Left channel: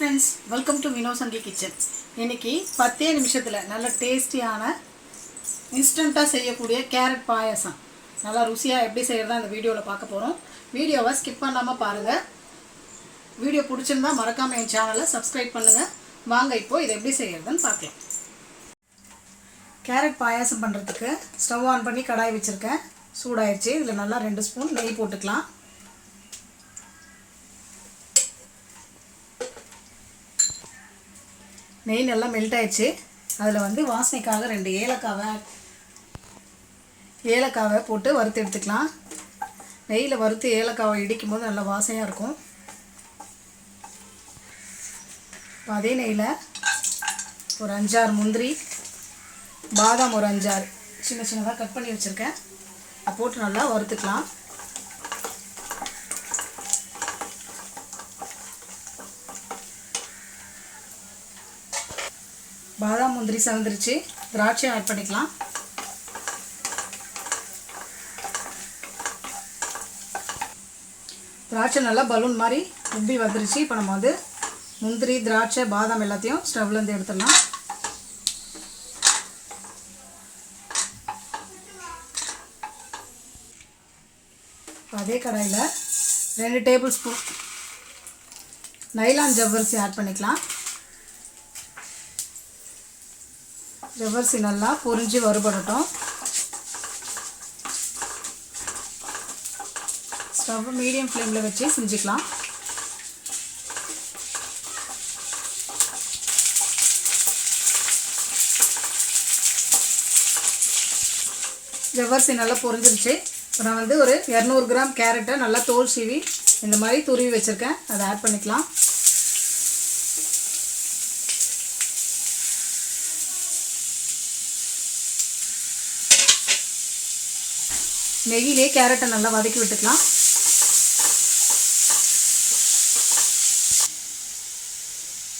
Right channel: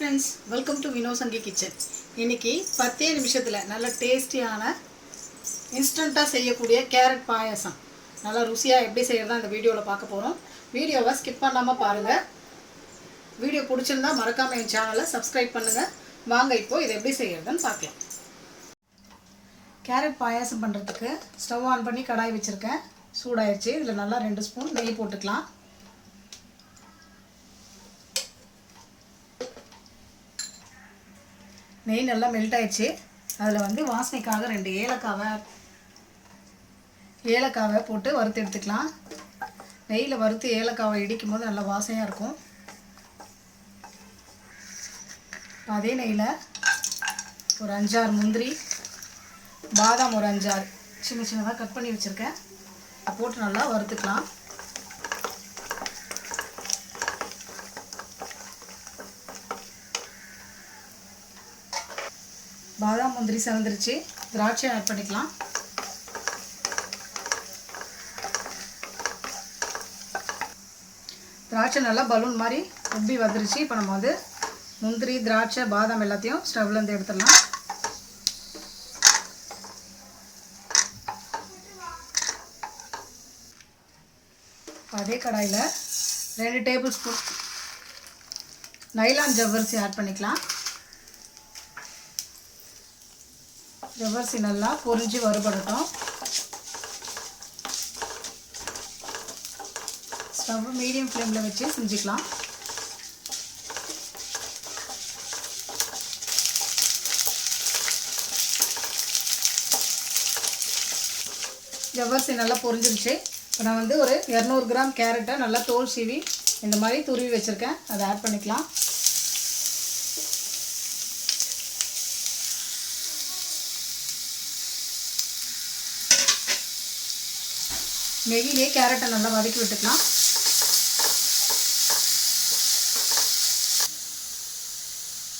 Friends welcome to Vinosangi kitchen இன்னைக்கு பத்தே நிமிஷத்தில் நல்ல டேஸ்டியான இன்ஸ்டண்ட்டாக செய்யக்கூடிய கேரட் பாயாசம். நல்லா ருசியாக எப்படி செய்கிறதா அந்த வீடியோவில் பார்க்க போகிறோம் வீடியோவை ஸ்கிப் பண்ணாமல் பாருங்கள் வீடியோ பிடிச்சிருந்தா மறக்காமல் என் சேனலை சப்ஸ்கிரைப் பண்ணுங்கள் வாங்க இப்போது இதை எப்படி செய்கிறதுன்னு பார்க்கலாம். கேரட் பாயாசம் பண்ணுறதுக்கு ஸ்டவ் ஆன் பண்ணி கடாய் வச்சுருக்கேன். சூடாயிடுச்சு இதில் நல்லா ரெண்டு ஸ்பூன் நெய் போட்டுக்கலாம். நெய் நல்லா மெல்ட் ஆயிடுச்சு. அதில் வந்து வாசனைக்காக ரெண்டு ஏலக்காவை ஏலக்காவை போட்டு வறுத்து எடுத்துக்கலாம். நெய்யில் வறுத்து ஏலக்காவை இடிக்கும் போது நல்லா வாசனையாக இருக்கும். அதே நெய்யில் ஒரு அஞ்சாறு முந்திரி பாதாம் ஒரு அஞ்சாறு சின்ன சின்னதாக கட் பண்ணி வச்சுருக்கேன். அதை போட்டு நல்லா வறுத்துக்கலாம். பாதாம் முந்திரி செவந்துருச்சு. திராட்சை ஆட் பண்ணிக்கலாம். திராட்சை நல்லா பலூன் மாதிரி உப்பி வந்துருச்சு. இப்போ நம்ம வந்து முந்திரி திராட்சை பாதாம் எல்லாத்தையும் ஸ்டவ்லேருந்து எடுத்துடலாம். அதே கடாயில் ரெண்டு டேபிள் ஸ்பூன் நைலான் ஜவ்வரிசி ஆட் பண்ணிக்கலாம். ஜவ்வரிசி நல்லா பொறிஞ்சு வறுபடட்டும். ஸ்டவ் மீடியம் ஃப்ளேமில் வச்சு செஞ்சுக்கலாம். ஜவ்வரிசி நல்லா பொரிஞ்சிருச்சு இப்போ நான் வந்து ஒரு இரநூறு கிராம் கேரட்டை நல்லா தோல் சீவி இந்த மாதிரி துருவி வச்சுருக்கேன். அதை ஆட் பண்ணிக்கலாம். நெய்யிலே கேரட்டை நல்லா வதக்கி விட்டுக்கலாம்.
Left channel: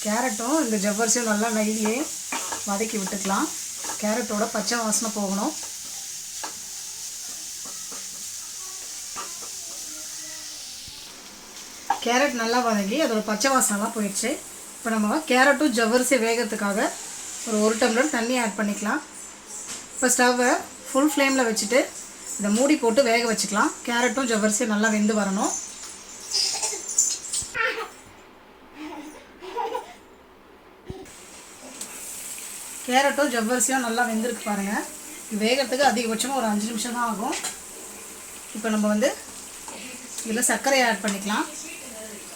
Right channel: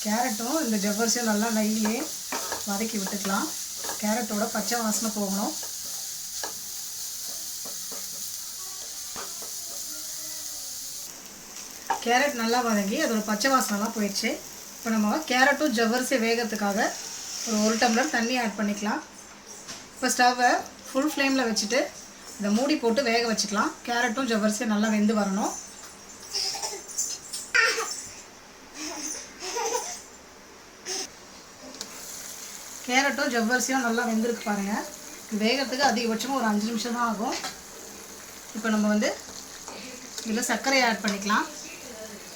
கேரட்டும் இந்த ஜவ்வரிசியும் நல்லா நெய்யிலே வதக்கி விட்டுக்கலாம். கேரட்டோட பச்சை வாசனை போகணும். கேரட் நல்லா வதங்கி அதோட பச்சை வாசனைலாம் போயிடுச்சு. இப்போ நம்ம கேரட்டும் ஜவ்வரிசி வேகிறதுக்காக ஒரு ஒரு டம்ளர் தண்ணி ஆட் பண்ணிக்கலாம். இப்போ ஸ்டவ்வை ஃபுல் ஃப்ளேமில் வச்சுட்டு இதை மூடி போட்டு வேக வச்சுக்கலாம். கேரட்டும் ஜவ்வரிசியும் நல்லா வெந்து வரணும். கேரட்டும் ஜவ்வரிசியும் நல்லா வெந்திருக்கு பாருங்கள் வேகிறதுக்கு அதிகபட்சமாக ஒரு அஞ்சு நிமிஷம் தான் ஆகும். இப்போ நம்ம வந்து இதில் சர்க்கரையை ஆட் பண்ணிக்கலாம்.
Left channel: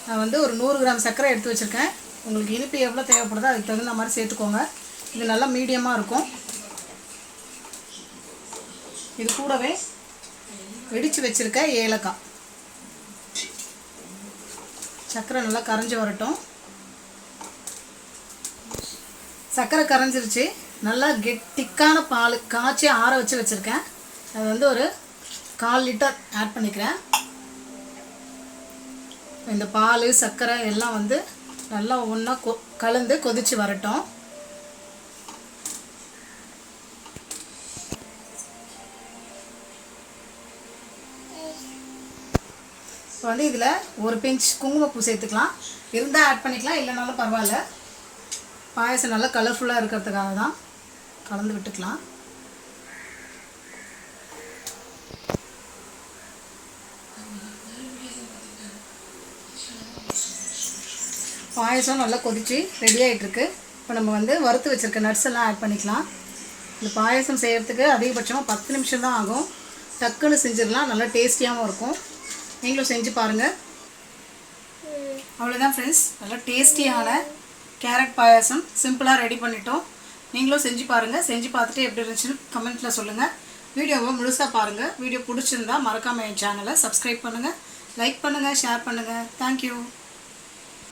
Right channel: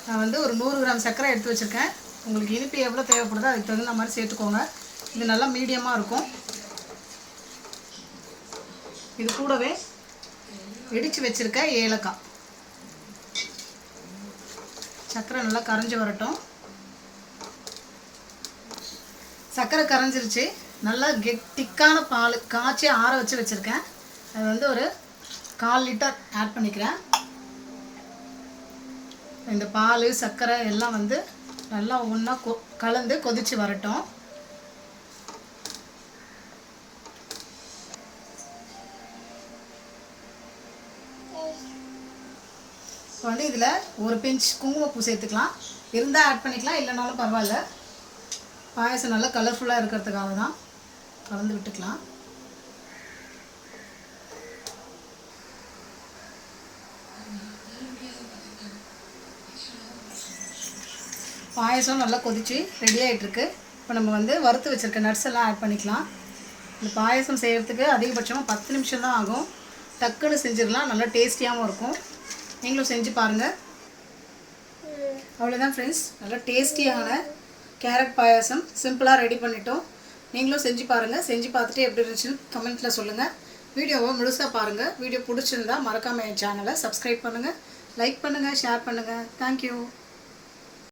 நான் வந்து ஒரு நூறு கிராம் சர்க்கரை எடுத்து வச்சுருக்கேன். உங்களுக்கு இனிப்பு எவ்வளோ தேவைப்படுதோ அதுக்கு தகுந்த மாதிரி சேர்த்துக்கோங்க. இது நல்லா மீடியமாக இருக்கும். இது கூடவே இடித்து வச்சுருக்க ஏலக்காய். சர்க்கரை நல்லா கரைஞ்சி வரட்டும். சர்க்கரை கரைஞ்சிருச்சு. நல்லா கெட்டிக்கான பால் காய்ச்சி ஆற வச்சு வச்சுருக்கேன். அது வந்து ஒரு கால் லிட்டர் ஆட் பண்ணிக்கிறேன். இந்த பால் சர்க்கரை எல்லாம் வந்து நல்லா ஒன்றா கொ கலந்து கொதித்து வரட்டும். ஸோ வந்து இதில் ஒரு பிஞ்ச் குங்குமப்பூ சேர்த்துக்கலாம். இருந்தால் ஆட் பண்ணிக்கலாம் இல்லைனாலும் பரவாயில்ல. பாயசம் நல்லா கலர்ஃபுல்லாக இருக்கிறதுக்காக தான் கலந்து விட்டுக்கலாம். பாயசம் நல்லா கொதிச்சு ரெடி ஆகிட்டுருக்கு இப்போ நம்ம வந்து வறுத்து வச்சுருக்க நட்ஸ் எல்லாம் ஆட் பண்ணிக்கலாம். இந்த பாயசம் செய்கிறதுக்கு அதிகபட்சமாக பத்து நிமிஷம் தான் ஆகும். டக்குன்னு செஞ்சிடலாம் நல்லா டேஸ்டியாகவும் இருக்கும். நீங்களும் செஞ்சு பாருங்கள் அவ்வளோதான் ஃப்ரெண்ட்ஸ் நல்லா டேஸ்டியான கேரட் பாயாசம் சிம்பிளாக ரெடி பண்ணிட்டோம். நீங்களும் செஞ்சு பாருங்கள் செஞ்சு பார்த்துட்டு எப்படி இருந்துச்சுன்னு கமெண்ட்டில் சொல்லுங்கள் வீடியோவை முழுசாக பாருங்கள் வீடியோ பிடிச்சிருந்தா மறக்காமல் என் சேனலை சப்ஸ்கிரைப் பண்ணுங்கள் லைக் பண்ணுங்கள் ஷேர் பண்ணுங்கள் தேங்க்யூ